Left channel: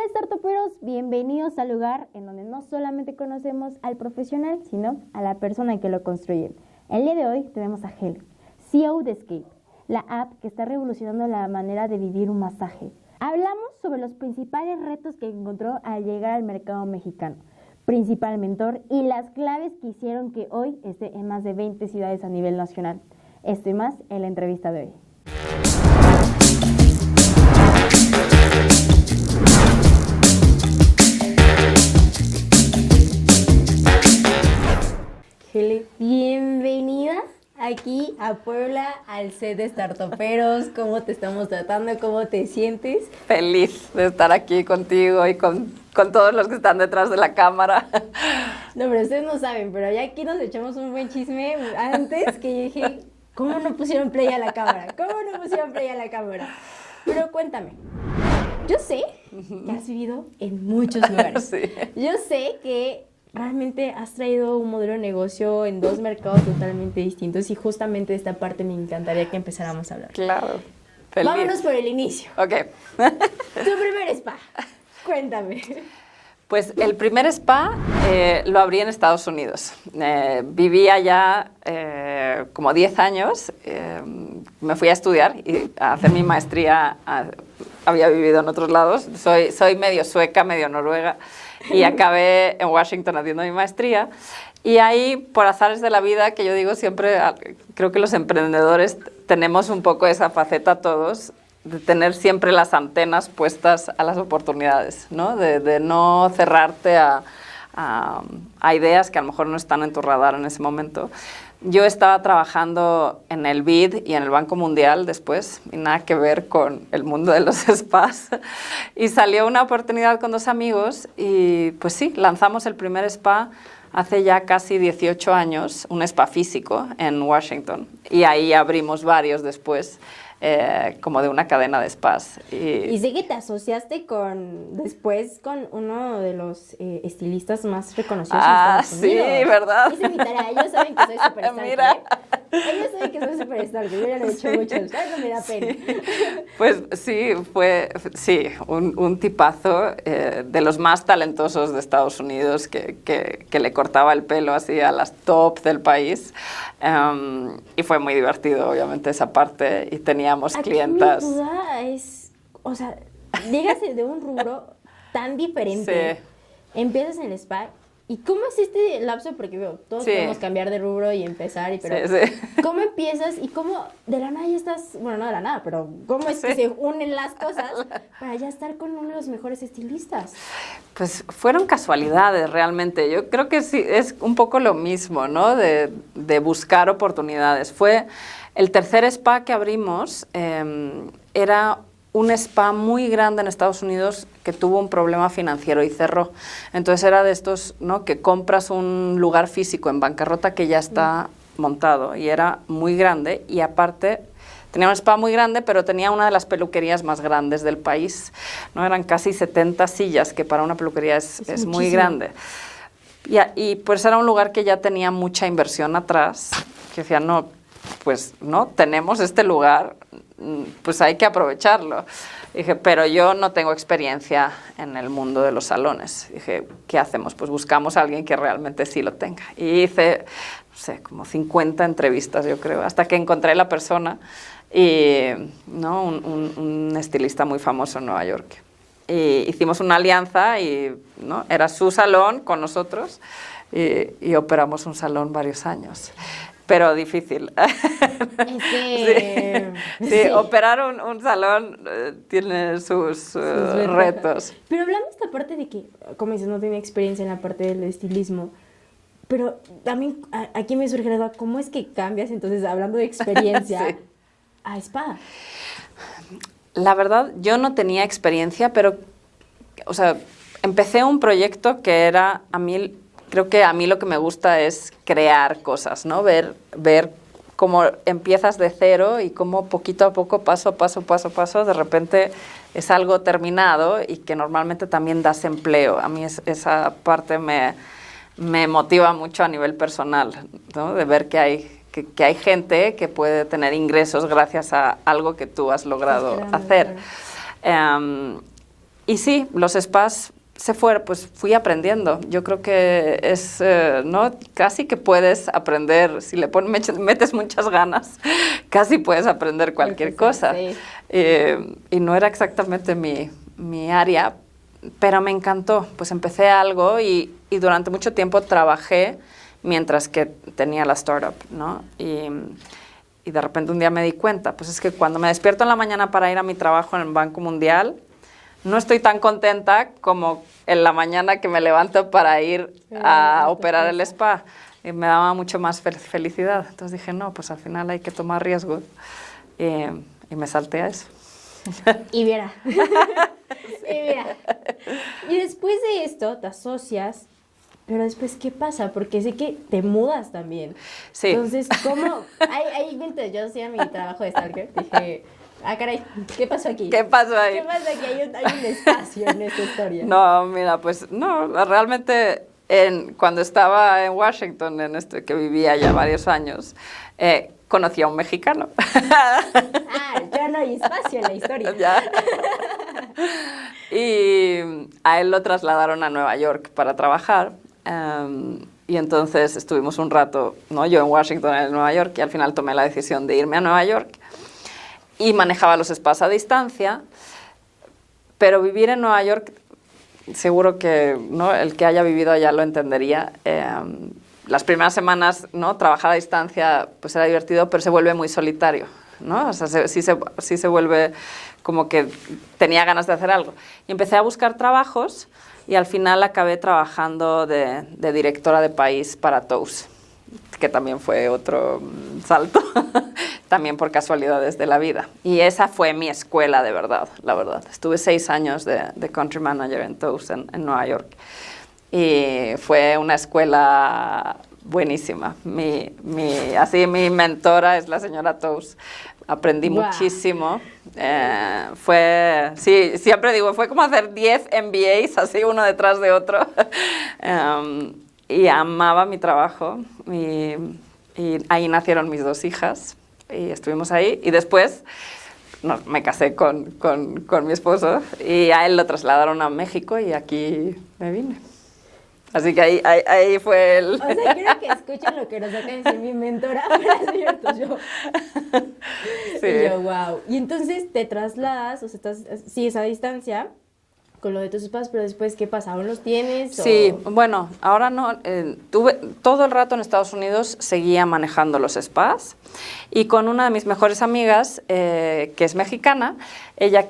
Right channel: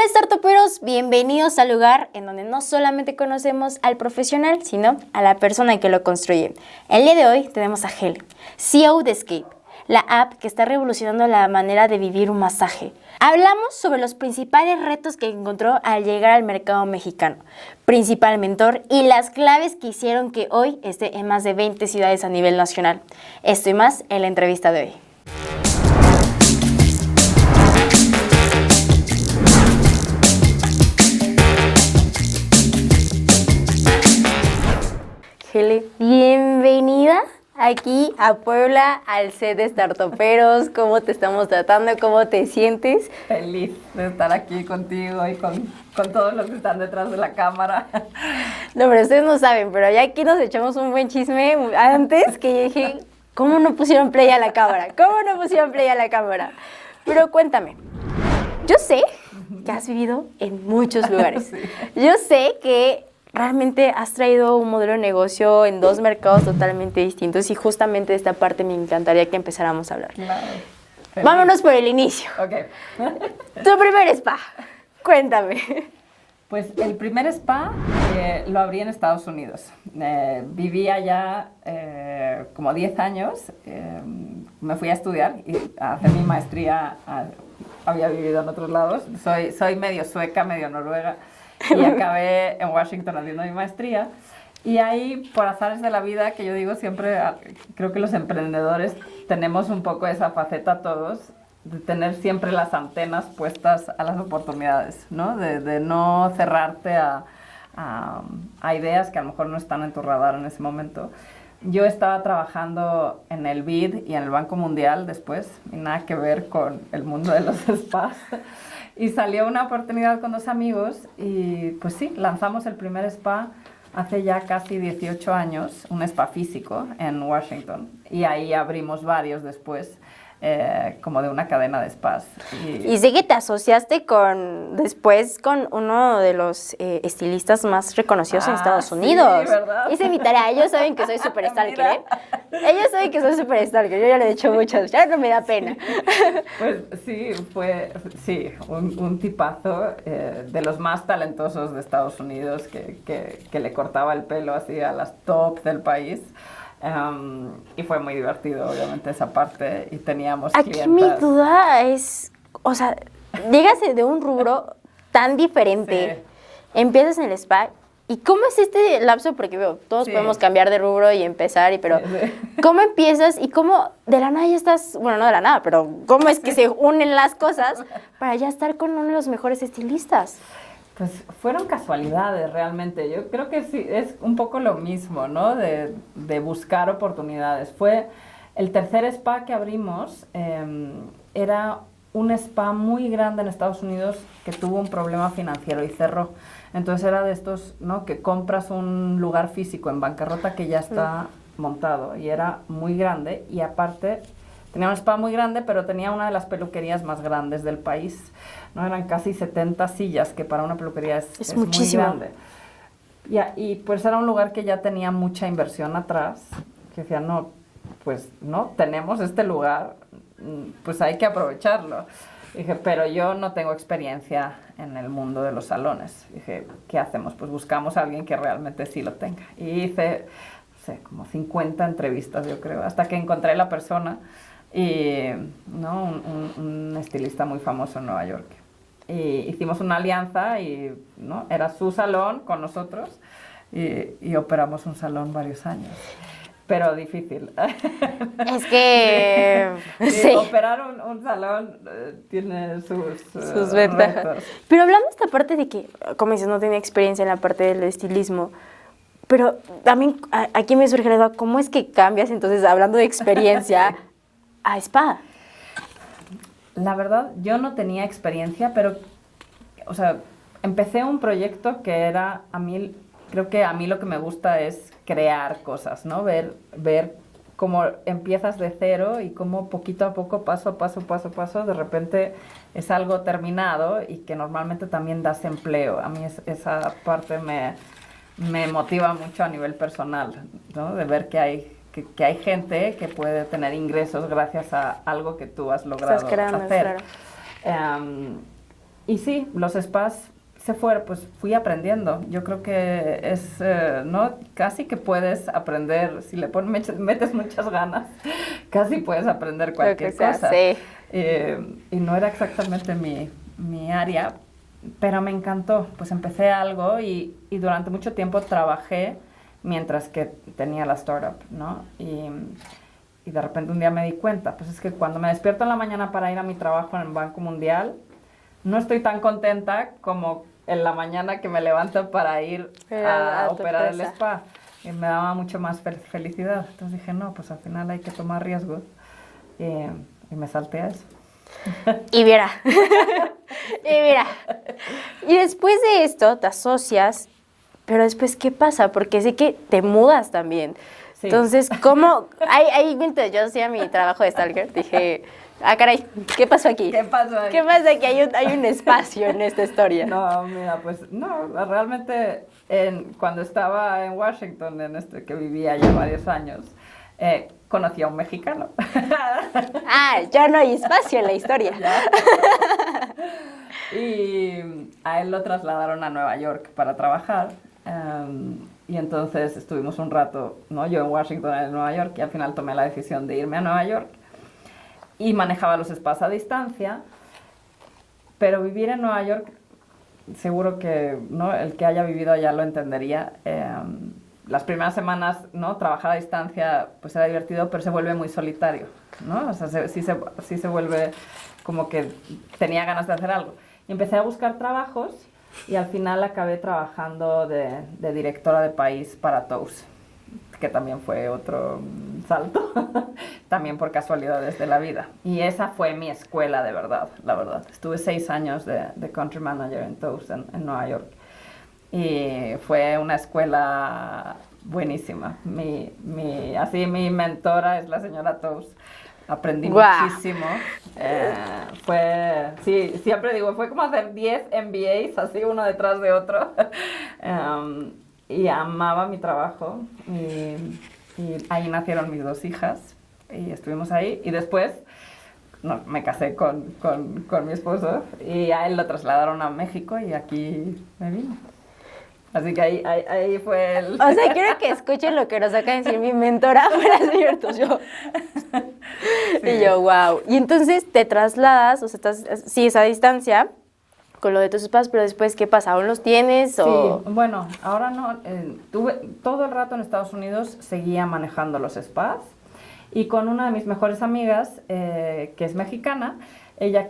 Hola startuperos, bienvenidos al lugar en donde no solamente conocemos al profesional, sino a la persona que lo construye. El día de hoy tenemos a Heli, CEO de Escape, la app que está revolucionando la manera de vivir un masaje. Hablamos sobre los principales retos que encontró al llegar al mercado mexicano, principal mentor y las claves que hicieron que hoy esté en más de 20 ciudades a nivel nacional. Esto y más en la entrevista de hoy. Heli, bienvenida aquí a Puebla, al set de Startuperos. ¿Cómo te estamos tratando? ¿Cómo te sientes? Feliz de estar aquí contigo y con todos los que están detrás de la cámara. No, pero ustedes no saben, pero ya aquí nos echamos un buen chisme antes que yo dije, ¿cómo no pusieron play a la cámara? ¿Cómo no pusieron play a la cámara? Pero cuéntame, yo sé que has vivido en muchos lugares. Sí. Yo sé que realmente has traído un modelo de negocio en dos mercados totalmente distintos y justamente de esta parte me encantaría que empezáramos a hablar. Claro. Feliz. Vámonos por el inicio. Ok. Tu primer spa, cuéntame. Pues el primer spa lo abrí en Estados Unidos. Vivía ya como 10 años. Me fui a estudiar y a hacer mi maestría. Había vivido en otros lados. Soy medio sueca, medio noruega. Y acabé en Washington haciendo mi maestría. Y ahí, por azares de la vida, que yo digo siempre, creo que los emprendedores tenemos un poco esa faceta todos, de tener siempre las antenas puestas a las oportunidades, ¿no? De no cerrarte a ideas que a lo mejor no están en tu radar en ese momento. Yo estaba trabajando en el BID y en el Banco Mundial después, y nada que ver con el mundo de los spas. Y salió una oportunidad con dos amigos y pues sí, lanzamos el primer spa hace ya casi 18 años, un spa físico en Washington. Y ahí abrimos varios después, como de una cadena de spas. Y sé que te asociaste después con uno de los estilistas más reconocidos en Estados Unidos. Sí, ¿verdad? Hice mi tarea. Ellos saben que soy súper stalker, ¿eh? Ellos saben que soy súper stalker. Yo ya lo he dicho muchas veces. Ya no me da pena. Pues sí, fue un tipazo de los más talentosos de Estados Unidos que le cortaba el pelo así a las top del país. Y fue muy divertido, obviamente, esa parte. Y teníamos Aquí clientas. mi duda es, o sea, llegas de un rubro tan diferente, Sí. empiezas en el spa, ¿y cómo es este lapso? Porque veo, todos Sí. podemos cambiar de rubro y empezar, pero Sí. ¿cómo empiezas y cómo de la nada ya estás, bueno, no de la nada, pero cómo es que se unen las cosas para ya estar con uno de los mejores estilistas? Pues fueron casualidades realmente. Yo creo que sí, es un poco lo mismo, ¿no? De buscar oportunidades. Fue el tercer spa que abrimos, era un spa muy grande en Estados Unidos que tuvo un problema financiero y cerró. Entonces era de estos, ¿no? Que compras un lugar físico en bancarrota que ya está montado y era muy grande y aparte tenía un spa muy grande, pero tenía una de las peluquerías más grandes del país, ¿no? Eran casi 70 sillas, que para una peluquería es muy grande. Y pues era un lugar que ya tenía mucha inversión atrás, que decía, no, pues no, tenemos este lugar, pues hay que aprovecharlo. Dije, pero yo no tengo experiencia en el mundo de los salones. Dije, ¿qué hacemos? Pues buscamos a alguien que realmente sí lo tenga. Y hice, no sé, como 50 entrevistas, yo creo, hasta que encontré la persona. Y ¿no? un estilista muy famoso en Nueva York. Y hicimos una alianza y ¿no? Era su salón con nosotros y operamos un salón varios años. Pero difícil. Es que... Sí, operar un salón tiene sus retos. Pero hablando de esta parte de que, como dices, no tenía experiencia en la parte del estilismo, pero también aquí me surge la duda, ¿cómo es que cambias entonces, hablando de experiencia, Sí. a spa? La verdad, yo no tenía experiencia, pero, o sea, empecé un proyecto que era, creo que a mí lo que me gusta es crear cosas, ¿no? Ver cómo empiezas de cero y cómo poquito a poco, paso a paso, de repente es algo terminado y que normalmente también das empleo. A mí esa parte me motiva mucho a nivel personal, ¿no? De ver que hay gente que puede tener ingresos gracias a algo que tú has logrado hacer. Claro. Y sí, los spas se fueron, pues fui aprendiendo. Yo creo que es, ¿no? Casi que puedes aprender, si le metes muchas ganas, casi puedes aprender cualquier cosa. Sí. Y no era exactamente mi área, pero me encantó. Pues empecé algo y durante mucho tiempo trabajé mientras que tenía la startup, ¿no? Y de repente un día me di cuenta, pues es que cuando me despierto en la mañana para ir a mi trabajo en el Banco Mundial, no estoy tan contenta como en la mañana que me levanto para ir a operar el spa. Y me daba mucho más felicidad. Entonces dije, no, pues al final hay que tomar riesgos. Y me salté a eso. Y mira. Y después de esto te asocias, pero después, ¿qué pasa? Porque sé que te mudas también. Sí. Entonces, ¿cómo? Mientras yo hacía mi trabajo de stalker, dije, caray, ¿qué pasó aquí? ¿Qué pasó ahí? ¿Qué pasa aquí? Hay un espacio en esta historia. No, mira, pues no, realmente cuando estaba en Washington, que vivía ya varios años, conocí a un mexicano. Ya no hay espacio en la historia. Ya. Y a él lo trasladaron a Nueva York para trabajar. Y entonces estuvimos un rato, ¿no? Yo en Washington, él en Nueva York, y al final tomé la decisión de irme a Nueva York. Y manejaba los spas a distancia, pero vivir en Nueva York, seguro que, ¿no?, el que haya vivido allá lo entendería. Las primeras semanas, ¿no?, trabajar a distancia pues era divertido, pero se vuelve muy solitario, ¿no? O sea, sí se vuelve como que tenía ganas de hacer algo. Y empecé a buscar trabajos y al final acabé trabajando de directora de país para Toast, que también fue otro salto, también por casualidades de la vida. Y esa fue mi escuela de verdad, la verdad. Estuve 6 años de country manager en Toast en Nueva York. Y fue una escuela buenísima. Mi mentora es la señora Toast. Aprendí muchísimo. Sí, siempre digo, fue como hacer 10 MBAs, así uno detrás de otro. Y amaba mi trabajo. Y ahí nacieron mis 2 hijas. Y estuvimos ahí. Y después me casé con mi esposo. Y a él lo trasladaron a México y aquí me vine. Así que ahí fue el... O sea, quiero que escuchen lo que nos acaba de decir mi mentora, para cierto, yo. Sí. Y yo, wow. Y entonces te trasladas, o sea, sigues a distancia con lo de tus spas, pero después, ¿qué pasa? ¿Aún los tienes? Sí, bueno, ahora no. Tuve todo el rato en Estados Unidos, seguía manejando los spas. Y con una de mis mejores amigas, que es mexicana, ella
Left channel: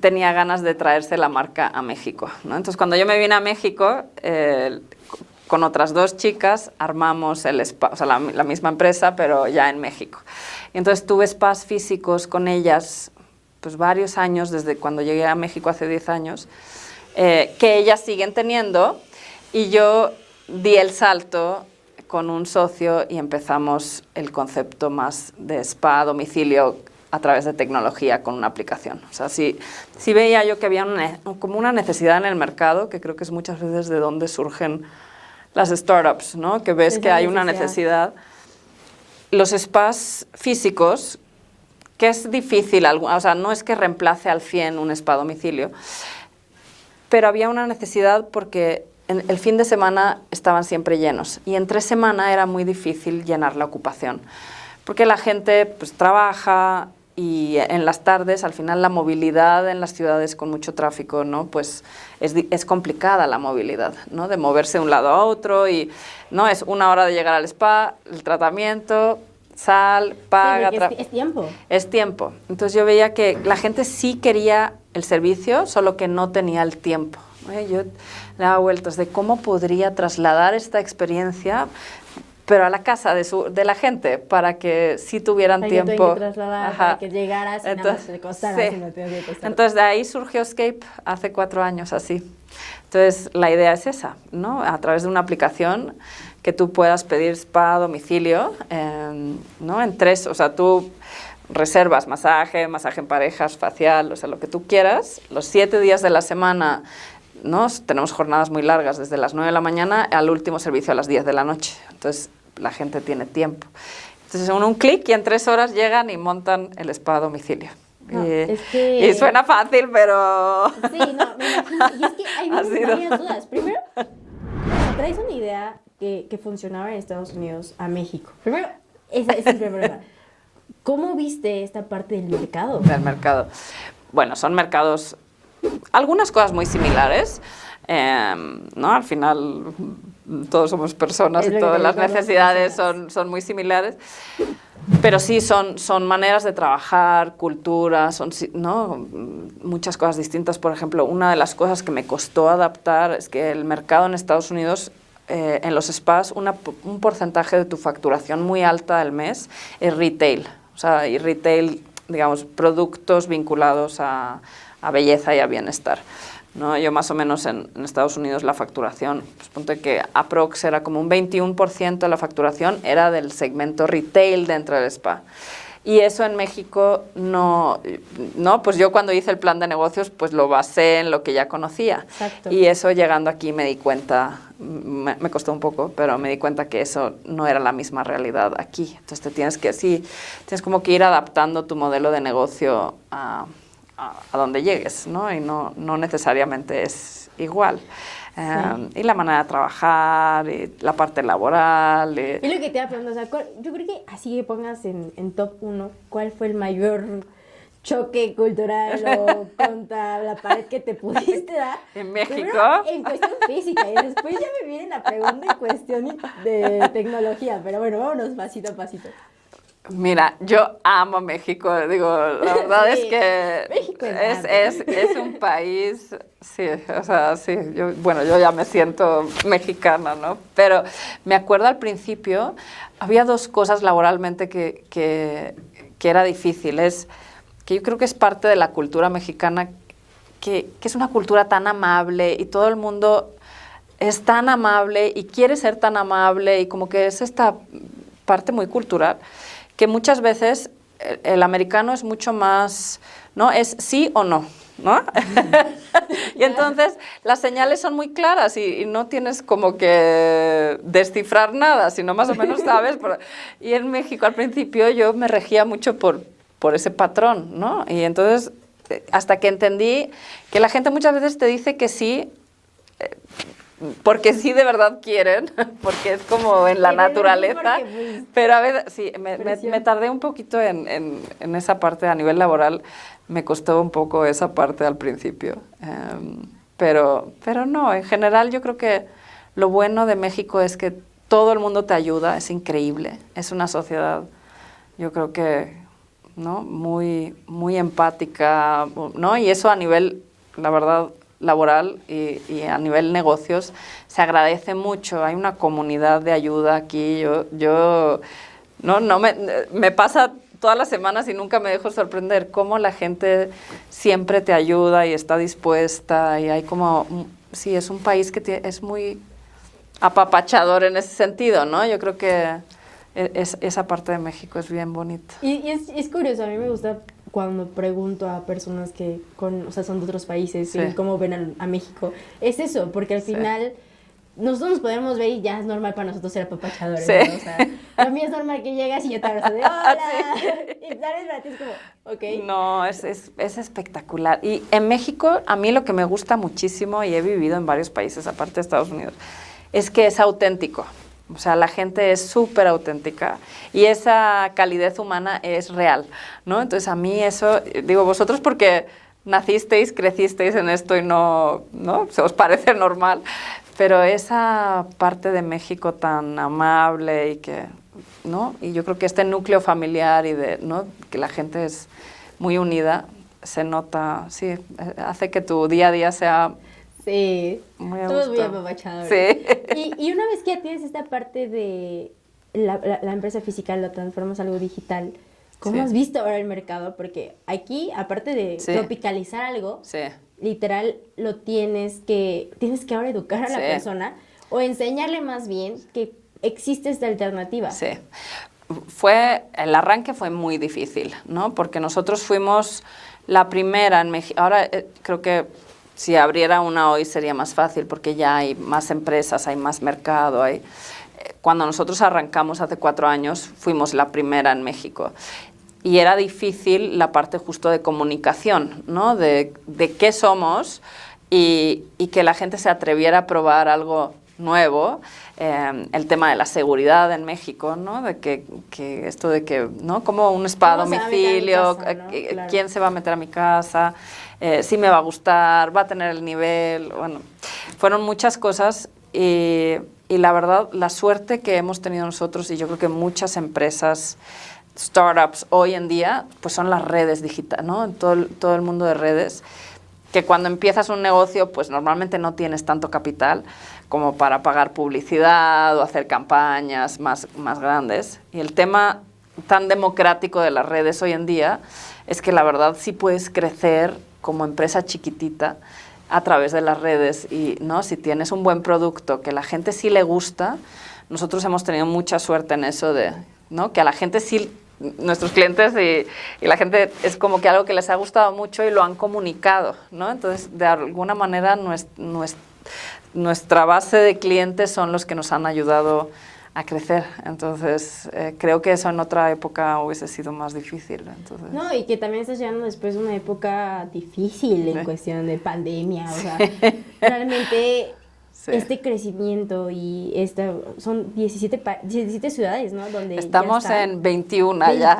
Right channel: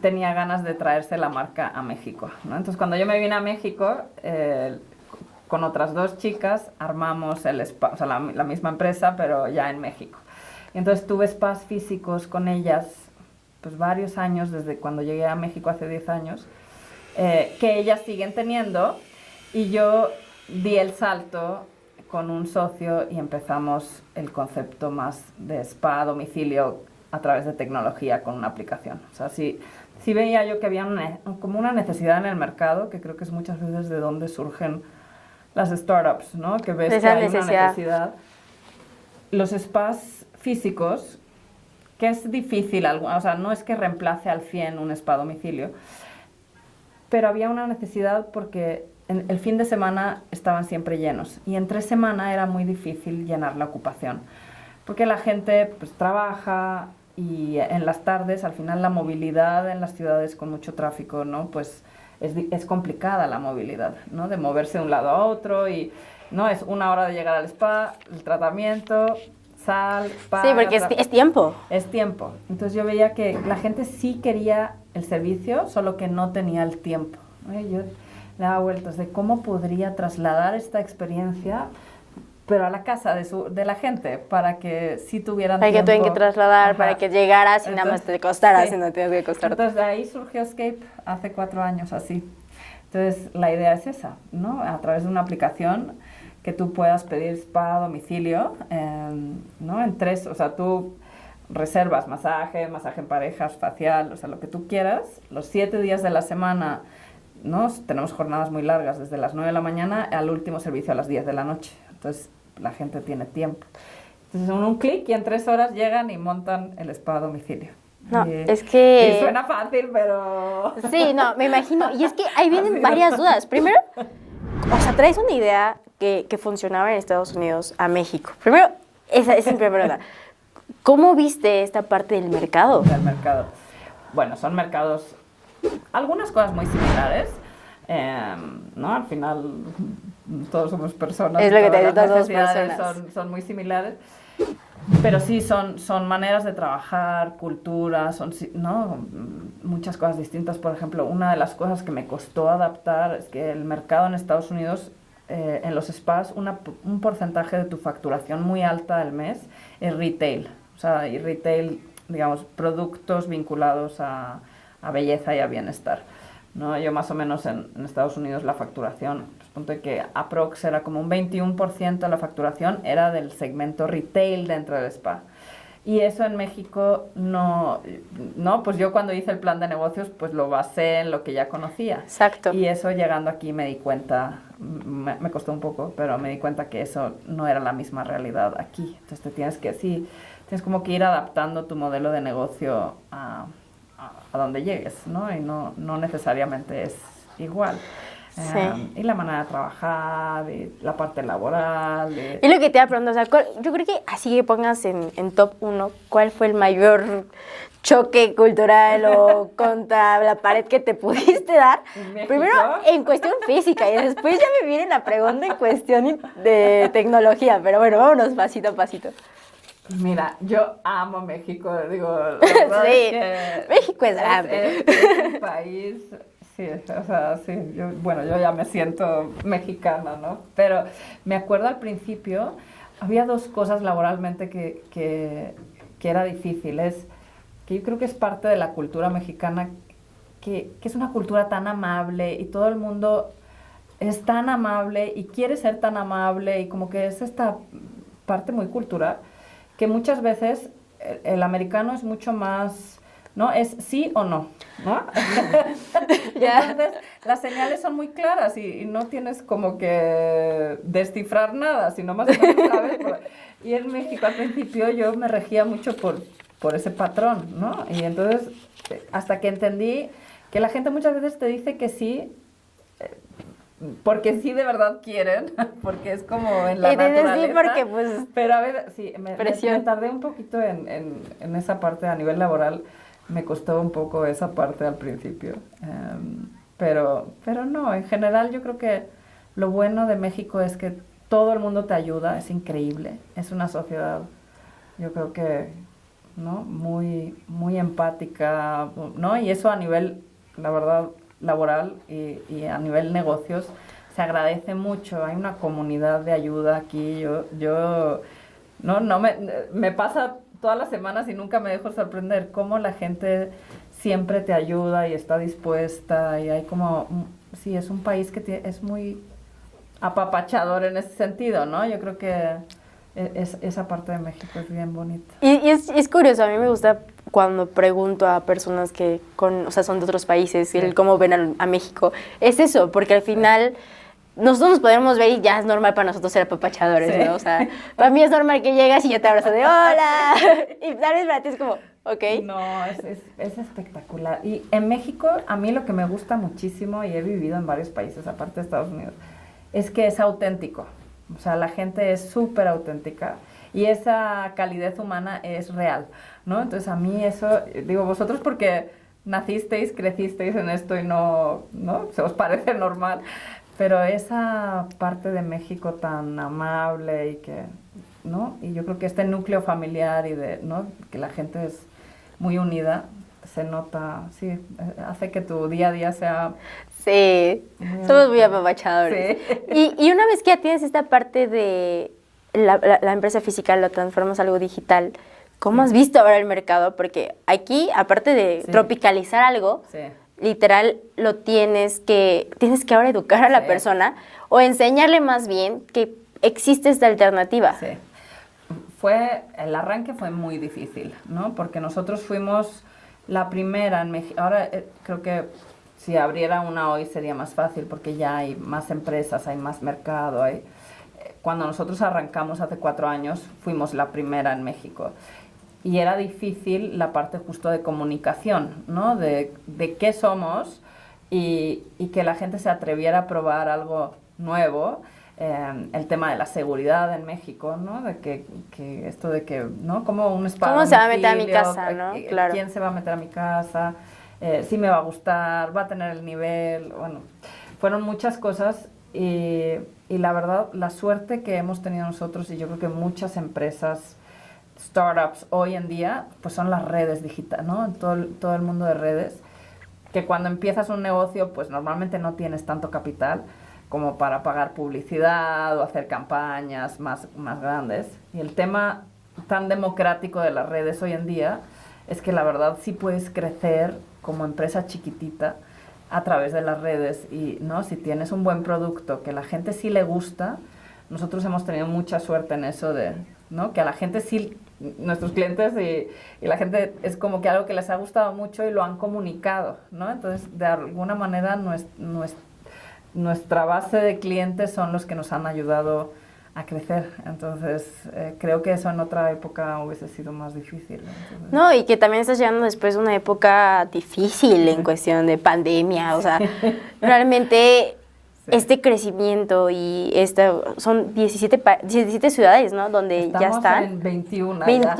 tenía ganas de traerse la marca a México, ¿no? Entonces, cuando yo me vine a México, con otras 2 chicas, armamos el spa, o sea, la misma empresa, pero ya en México. Y entonces tuve spas físicos con ellas, pues varios años, desde cuando llegué a México hace 10 años, que ellas siguen teniendo, y yo di el salto con un socio y empezamos el concepto más de spa a domicilio a través de tecnología con una aplicación. O sea, sí veía yo que había como una necesidad en el mercado, que creo que es muchas veces de donde surgen las startups, ¿no? Que ves que hay una necesidad. Los spas físicos, que es difícil, o sea, no es que reemplace al 100 un spa a domicilio, pero había una necesidad porque el fin de semana estaban siempre llenos y entre semana era muy difícil llenar la ocupación, porque la gente pues trabaja y en las tardes al final la movilidad en las ciudades con mucho tráfico, ¿no? Pues es complicada la movilidad, ¿no? De moverse de un lado a otro y no es 1 hora de llegar al spa, el tratamiento, sal, paga. Sí, porque es tiempo. Es tiempo. Entonces yo veía que la gente sí quería el servicio, solo que no tenía el tiempo. Yo le daba vueltas de cómo podría trasladar esta experiencia, pero a la casa de la gente, para que sí tuvieran tiempo. Para que tengan que trasladar, para que llegaras y nada más te costaras y no tenías que costar. Entonces de ahí surgió Scape hace 4 años, así. Entonces la idea es esa, ¿no? A través de una aplicación que tú puedas pedir spa a domicilio, ¿no? En 3, o sea, tú reservas masaje en parejas, facial, o sea, lo que tú quieras. Los 7 días de la semana, ¿no? Tenemos jornadas muy largas, desde las 9 de la mañana al último servicio a las 10 de la noche. Entonces, la gente tiene tiempo. Entonces, un clic y en 3 horas llegan y montan el spa a domicilio. No, y, es que... y suena fácil, pero... Sí, no, me imagino. Y es que ahí vienen varias dudas. Primero, o sea, traes una idea que funcionaba en Estados Unidos a México. Primero, esa es mi primera duda. ¿Cómo viste esta parte del mercado? Del mercado. Bueno, son mercados, algunas cosas muy similares, ¿no? Al final todos somos personas y todas las necesidades son muy similares, pero sí son maneras de trabajar, culturas, ¿no? Muchas cosas distintas. Por ejemplo, una de las cosas que me costó adaptar es que el mercado en Estados Unidos, en los spas, un porcentaje de tu facturación muy alta al mes es retail. O sea, y retail, digamos, productos vinculados a belleza y a bienestar, ¿no? Yo más o menos en Estados Unidos la facturación, pues ponte que aprox era como un 21% de la facturación era del segmento retail dentro del spa. Y eso en México no, pues yo cuando hice el plan de negocios pues lo basé en lo que ya conocía. Exacto. Y eso llegando aquí me di cuenta, me costó un poco, pero me di cuenta que eso no era la misma realidad aquí. Entonces tienes como que ir adaptando tu modelo de negocio a donde llegues, ¿no? Y no necesariamente es igual. Sí. Y la manera de trabajar, y la parte laboral. Y lo que te iba a preguntar, o sea, yo creo que así que pongas en top 1, ¿cuál fue el mayor choque cultural o contra la pared que te pudiste dar? ¿En México? Primero, en cuestión física, y después ya me viene la pregunta en cuestión de tecnología, pero bueno, vámonos pasito a pasito. Mira, yo amo México, digo, la verdad Sí, es que México es grande. es un país, sí, o sea, sí, yo ya me siento mexicana, ¿no? Pero me acuerdo al principio, había dos cosas laboralmente que era difícil, es que yo creo que es parte de la cultura mexicana, que es una cultura tan amable y todo el mundo es tan amable y quiere ser tan amable y como que es esta parte muy cultural, que muchas veces el americano es mucho más, ¿no? Es sí o no, ¿no? Y entonces las señales son muy claras y no tienes como que descifrar nada, sino más o menos sabes. Y en México al principio yo me regía mucho por ese patrón, ¿no? Y entonces hasta que entendí que la gente muchas veces te dice que sí, porque sí de verdad quieren, porque es como en la naturaleza. Sí, porque, pues, pero a veces, sí, me tardé un poquito en esa parte a nivel laboral, me costó un poco esa parte al principio. Pero no, en general yo creo que lo bueno de México es que todo el mundo te ayuda, es increíble, es una sociedad, yo creo que, ¿no? Muy empática, ¿no? Y eso a nivel, la verdad, laboral y a nivel negocios se agradece mucho. Hay una comunidad de ayuda aquí. Yo me pasa todas las semanas y nunca me dejo sorprender cómo la gente siempre te ayuda y está dispuesta y hay como, sí, es un país que es muy apapachador en ese sentido, ¿no? Yo creo que esa parte de México es bien bonita. Y es curioso, a mí me gusta cuando pregunto a personas que o sea, son de otros países, Sí. el cómo ven a México. Es eso, porque al final nosotros nos podemos ver y ya es normal para nosotros ser apapachadores, Sí. ¿no? O sea, para mí es normal que llegas y yo te abrazo de ¡hola! Y tal vez para ti es como, ok. No, es espectacular. Y en México, a mí lo que me gusta muchísimo, y he vivido en varios países, aparte de Estados Unidos, es que es auténtico. O sea, la gente es súper auténtica y esa calidez humana es real, ¿no? Entonces, a mí eso, digo, vosotros porque nacisteis, crecisteis en esto y no se os parece normal, pero esa parte de México tan amable y que, ¿no? Y yo creo que este núcleo familiar y ¿no? Que la gente es muy unida, se nota, sí, hace que tu día a día sea... Sí, Muy a somos muy gusto. apapachadores. Sí. Y una vez que ya tienes esta parte de la empresa física, lo transformas a algo digital, ¿cómo Sí. has visto ahora el mercado? Porque aquí, aparte de Sí. tropicalizar algo, Sí. literal tienes que ahora educar a la Sí. persona o enseñarle más bien que existe esta alternativa. Sí. El arranque fue muy difícil, ¿no? Porque nosotros fuimos la primera en México. Ahora creo que si abriera una hoy sería más fácil porque ya hay más empresas, hay más mercado. Cuando nosotros arrancamos hace 4 años, fuimos la primera en México. y era difícil la parte justo de comunicación, ¿no? De qué somos y que la gente se atreviera a probar algo nuevo. El tema de la seguridad en México, ¿no? De que esto de que, ¿no? Como un spa a domicilio, ¿no? Claro. ¿Quién se va a meter a mi casa? Si me va a gustar, va a tener el nivel, bueno, fueron muchas cosas y la verdad, la suerte que hemos tenido nosotros y yo creo que muchas empresas, startups hoy en día, pues son las redes digitales, ¿no? En todo el mundo de redes, que cuando empiezas un negocio, pues normalmente no tienes tanto capital como para pagar publicidad o hacer campañas más grandes. Y el tema tan democrático de las redes hoy en día es que la verdad sí puedes crecer como empresa chiquitita a través de las redes y, ¿no? Si tienes un buen producto que la gente sí le gusta, nosotros hemos tenido mucha suerte en eso de, ¿no? Que a la gente sí, nuestros clientes y la gente es como que algo que les ha gustado mucho y lo han comunicado, ¿no? Entonces, de alguna manera, nuestra base de clientes son los que nos han ayudado a crecer. Entonces, creo que eso en otra época hubiese sido más difícil. Entonces, no, y que también estás llegando después de una época difícil en cuestión de pandemia, o sea, realmente este crecimiento y son 17 ciudades, ¿no? Donde estamos ya en 21 ¿21? ya.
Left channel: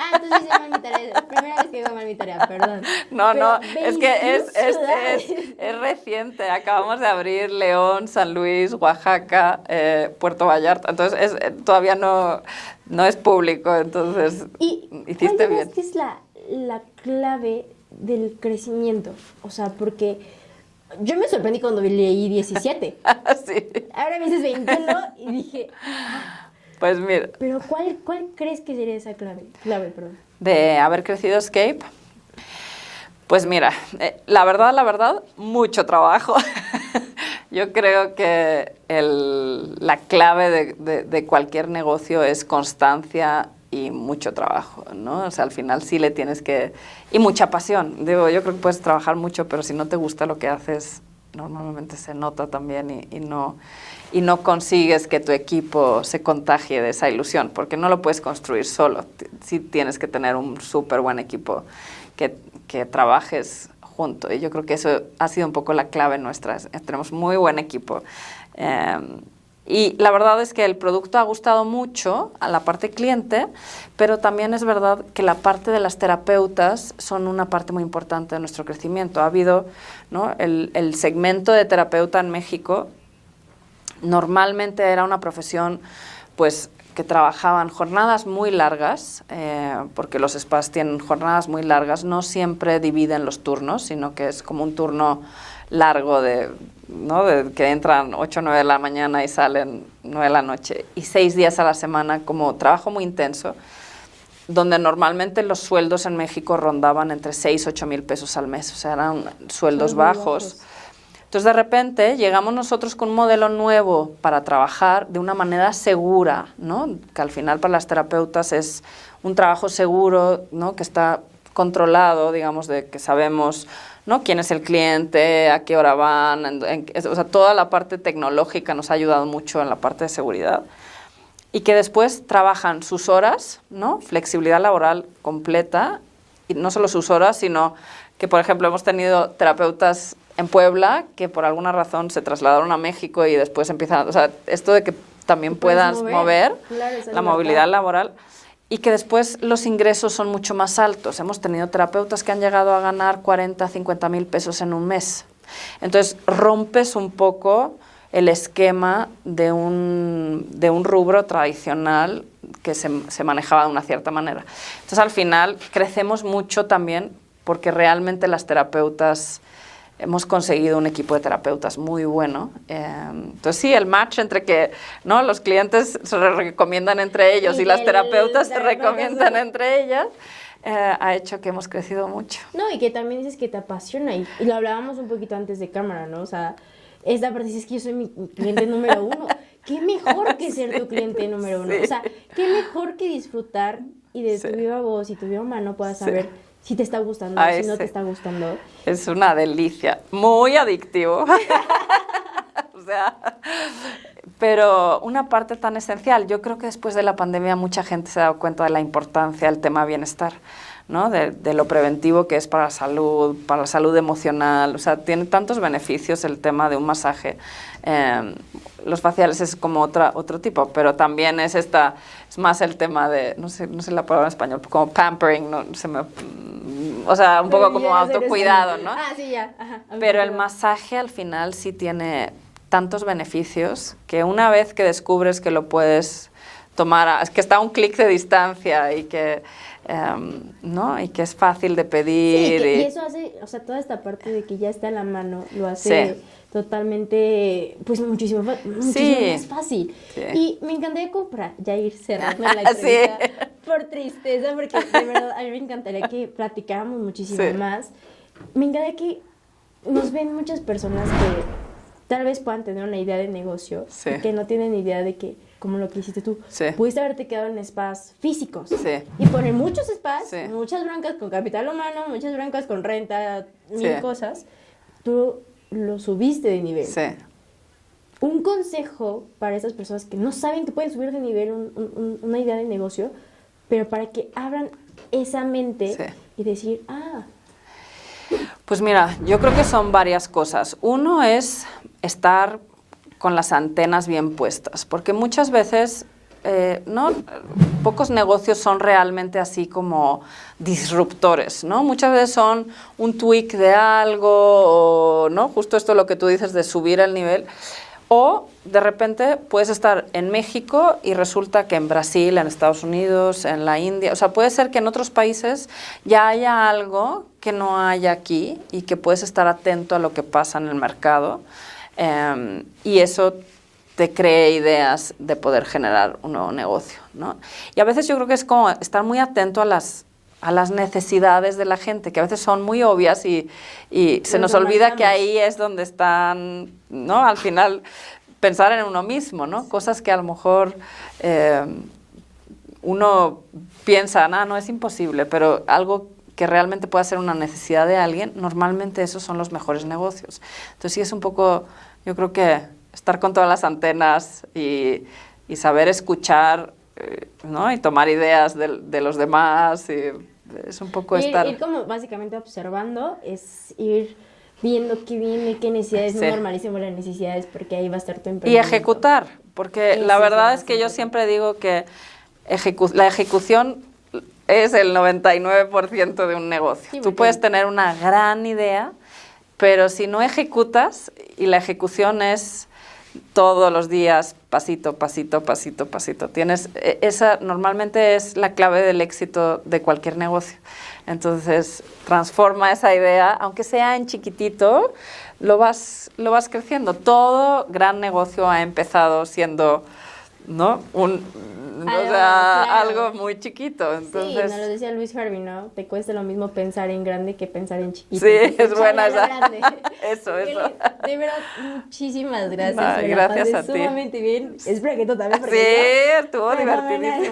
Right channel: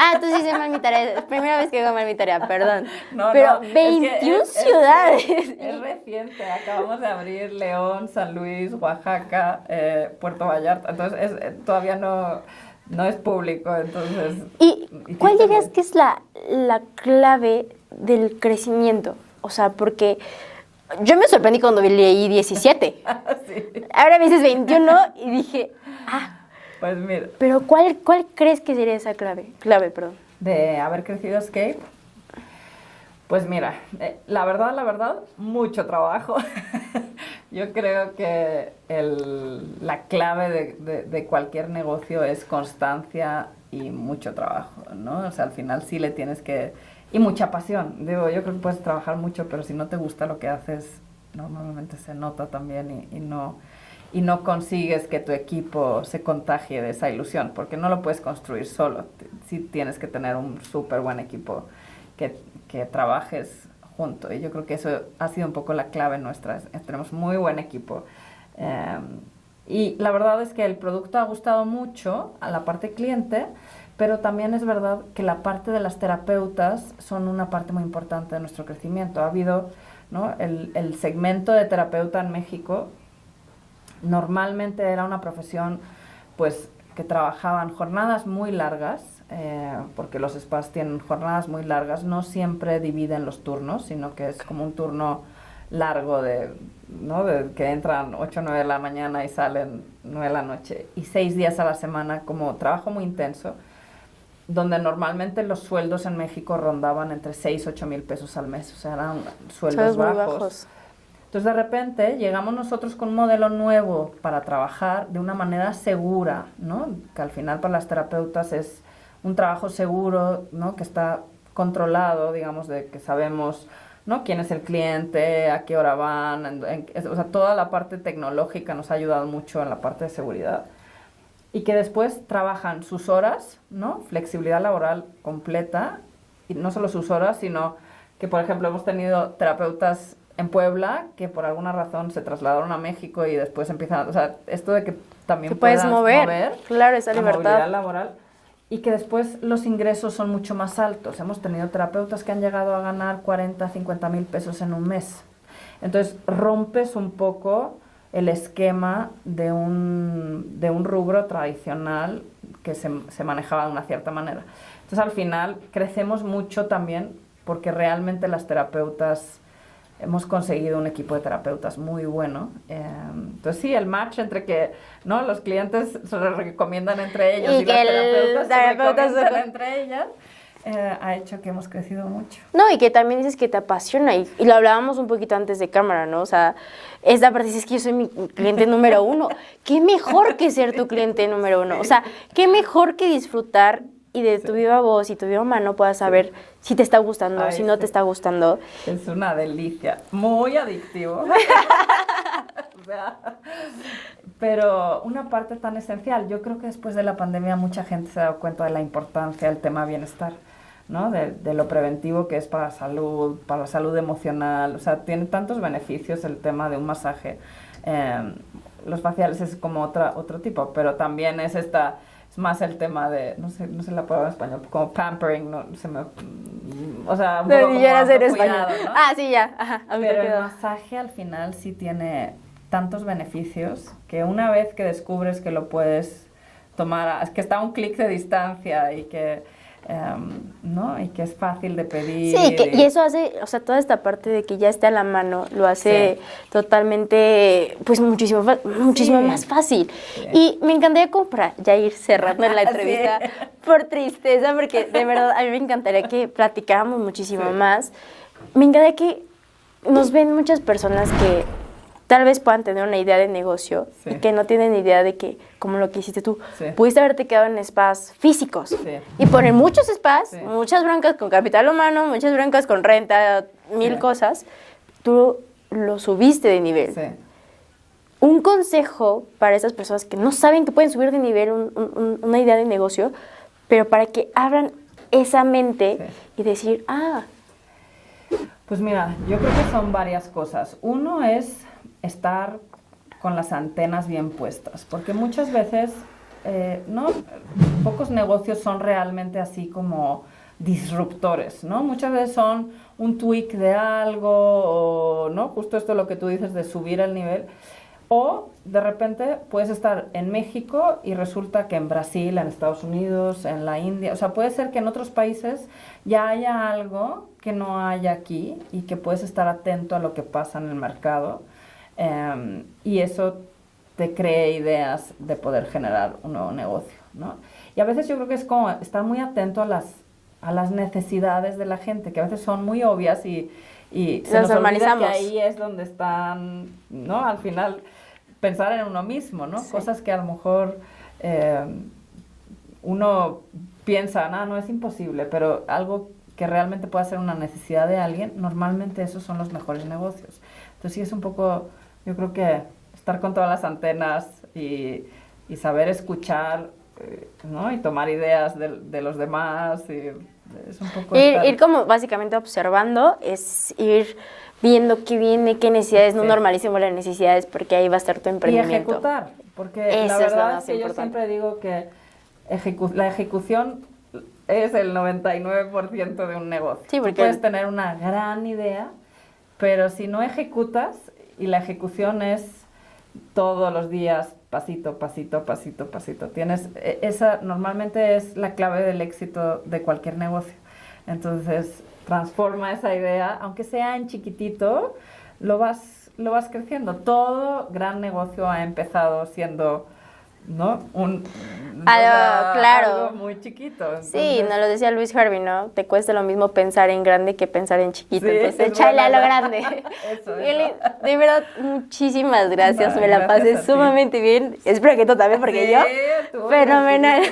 Ah, entonces hice mal mi tarea. Primera vez que hago mal mi tarea, perdón. No, pero no, 21 ciudades. Es reciente. Acabamos de abrir León, San Luis, Oaxaca, Puerto Vallarta. Entonces, todavía no es público. Entonces, ¿Y cuál dirías bien. que es la clave del crecimiento? O sea, porque yo me sorprendí cuando leí 17. Sí. Ahora me dices 21 y dije, pues mira. Pero ¿cuál crees que sería esa clave? Perdón. De haber crecido Escape. Pues mira, la verdad, mucho trabajo. Yo creo que la clave de cualquier negocio es constancia y mucho trabajo, ¿no? O sea, al final sí le tienes que... Y mucha pasión. Digo, yo creo que puedes trabajar mucho, pero si no te gusta lo que haces, normalmente se nota también y no consigues que tu equipo se contagie de esa ilusión, porque no lo puedes construir solo. Sí tienes que tener un súper buen equipo que trabajes junto. Y yo creo que eso ha sido un poco la clave nuestra. Tenemos muy buen equipo. Y la verdad es que el producto ha gustado mucho a la parte cliente, pero también es verdad que la parte de las terapeutas son una parte muy importante de nuestro crecimiento. Ha habido, ¿no? el segmento de terapeuta en México normalmente era una profesión pues que trabajaban jornadas muy largas, porque los spas tienen jornadas muy largas, no siempre dividen los turnos, sino que es como un turno largo ¿no? de que entran 8 o 9 de la mañana y salen 9 de la noche, y 6 días a la semana, como trabajo muy intenso, donde normalmente los sueldos en México rondaban entre 6 y 8 mil pesos al mes, o sea, eran sueldos bajos. Entonces, de repente, llegamos nosotros con un modelo nuevo para trabajar de una manera segura, ¿no? Que al final para las terapeutas es un trabajo seguro, ¿no? Que está controlado, digamos, de que sabemos, ¿no? Quién es el cliente, a qué hora van, o sea, toda la parte tecnológica nos ha ayudado mucho en la parte de seguridad. Y que después trabajan sus horas, ¿no? Flexibilidad laboral completa, y no solo sus horas, sino que, por ejemplo, hemos tenido terapeutas en Puebla que por alguna razón se trasladaron a México y después empiezan, o sea, esto de que también puedas mover claro, esa la libertad. Movilidad laboral, y que después los ingresos son mucho más altos. Hemos tenido terapeutas que han llegado a ganar 40, 50 mil pesos en un mes. Entonces, rompes un poco el esquema de un rubro tradicional que se manejaba de una cierta manera. Entonces, al final, crecemos mucho también porque realmente las terapeutas... Hemos conseguido un equipo de terapeutas muy bueno. Entonces, sí, el match entre que, ¿no? Los clientes se recomiendan entre ellos y las terapeutas se recomiendan entre ellas, ha hecho que hemos crecido mucho. No, y que también dices que te apasiona, y lo hablábamos un poquito antes de cámara, ¿no? O sea, esta parte dices que yo soy mi cliente número 1. ¿Qué mejor que ser tu cliente número 1? O sea, ¿qué mejor que disfrutar y de tu viva voz y tu viva mano puedas saber si te está gustando, si no te está gustando? Es una delicia, muy adictivo. O sea, Pero una parte tan esencial, yo creo que después de la pandemia mucha gente se ha dado cuenta de la importancia del tema bienestar, ¿no? De lo preventivo que es para la salud emocional. O sea, tiene tantos beneficios el tema de un masaje. Los faciales es como otro tipo, pero también es más el tema de, no sé la palabra en español, como pampering, no se me, o sea, un poco como autocuidado, ¿no? Ah, sí, ya. Ajá, pero el masaje al final sí tiene tantos beneficios que una vez que descubres que lo puedes tomar, es que está a un clic de distancia y que, ¿no? Y que es fácil de pedir. Sí, y eso hace, o sea, toda esta parte de que ya está a la mano, lo hace totalmente, pues muchísimo más fácil. Sí. Y me encantaría como para ya ir cerrando la entrevista por tristeza, porque de verdad a mí me encantaría que platicáramos muchísimo más. Me encantaría que nos ven muchas personas que tal vez puedan tener una idea de negocio, que no tienen idea de que, como lo que hiciste tú, pudiste haberte quedado en spas físicos y poner muchos spas, muchas broncas con capital humano, muchas broncas con renta, mil cosas. Tú lo subiste de nivel. Un consejo para esas personas que no saben que pueden subir de nivel una idea de negocio, pero para que abran esa mente y decir, Pues mira, yo creo que son varias cosas. Uno es estar con las antenas bien puestas, porque muchas veces pocos negocios son realmente así como disruptores, ¿no? Muchas veces son un tweak de algo, o, ¿no? Justo esto lo que tú dices de subir el nivel, o de repente puedes estar en México y resulta que en Brasil, en Estados Unidos, en la India, o sea, puede ser que en otros países ya haya algo que no haya aquí y que puedes estar atento a lo que pasa en el mercado. Y eso te cree ideas de poder generar un nuevo negocio, ¿no? Y a veces yo creo que es como estar muy atento a las necesidades de la gente, que a veces son muy obvias y se nos olvida que ahí es donde están, ¿no? Al final, pensar en uno mismo, ¿no? Cosas que a lo mejor uno piensa, no es imposible, pero algo que realmente pueda ser una necesidad de alguien, normalmente esos son los mejores negocios. Entonces sí es un poco, yo creo que estar con todas las antenas y saber escuchar, ¿no? Y tomar ideas de los demás, y es un poco ir como básicamente observando, es ir viendo qué viene, qué necesidades, no normalicemos las necesidades, porque ahí va a estar tu emprendimiento. Y ejecutar, porque la verdad es que yo siempre digo que la ejecución es el 99% de un negocio. Tú puedes tener una gran idea, pero si no ejecutas, y la ejecución es todos los días, pasito, pasito, pasito, pasito. Esa normalmente es la clave del éxito de cualquier negocio. Entonces, transforma esa idea, aunque sea en chiquitito, lo vas creciendo. Todo gran negocio ha empezado siendo, ¿no? Algo muy chiquito. Entonces, sí, nos lo decía Luis Harvey, ¿no? Te cuesta lo mismo pensar en grande que pensar en chiquito. Sí, entonces, échale a lo grande. Eso. De verdad, muchísimas gracias. Me la pasé sumamente bien. Espero que tú también, porque tú fenomenal.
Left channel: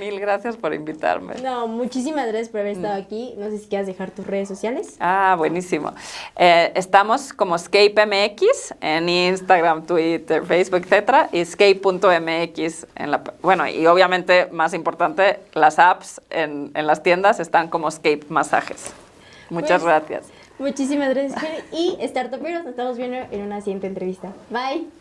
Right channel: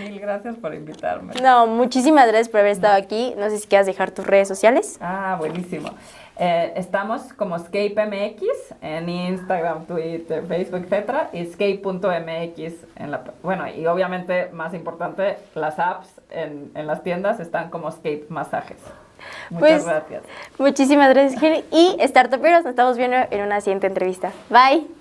Mil gracias por invitarme. No, muchísimas gracias por haber estado aquí. No sé si quieras dejar tus redes sociales. Buenísimo. Estamos como ScapeMX en Instagram, Twitter, Facebook, etcétera, y Escape.mx bueno, y obviamente, más importante, las apps en las tiendas están como Escape Masajes. Muchas gracias. Muchísimas gracias, Jenny. Y Startuperos, nos estamos viendo en una siguiente entrevista. Bye.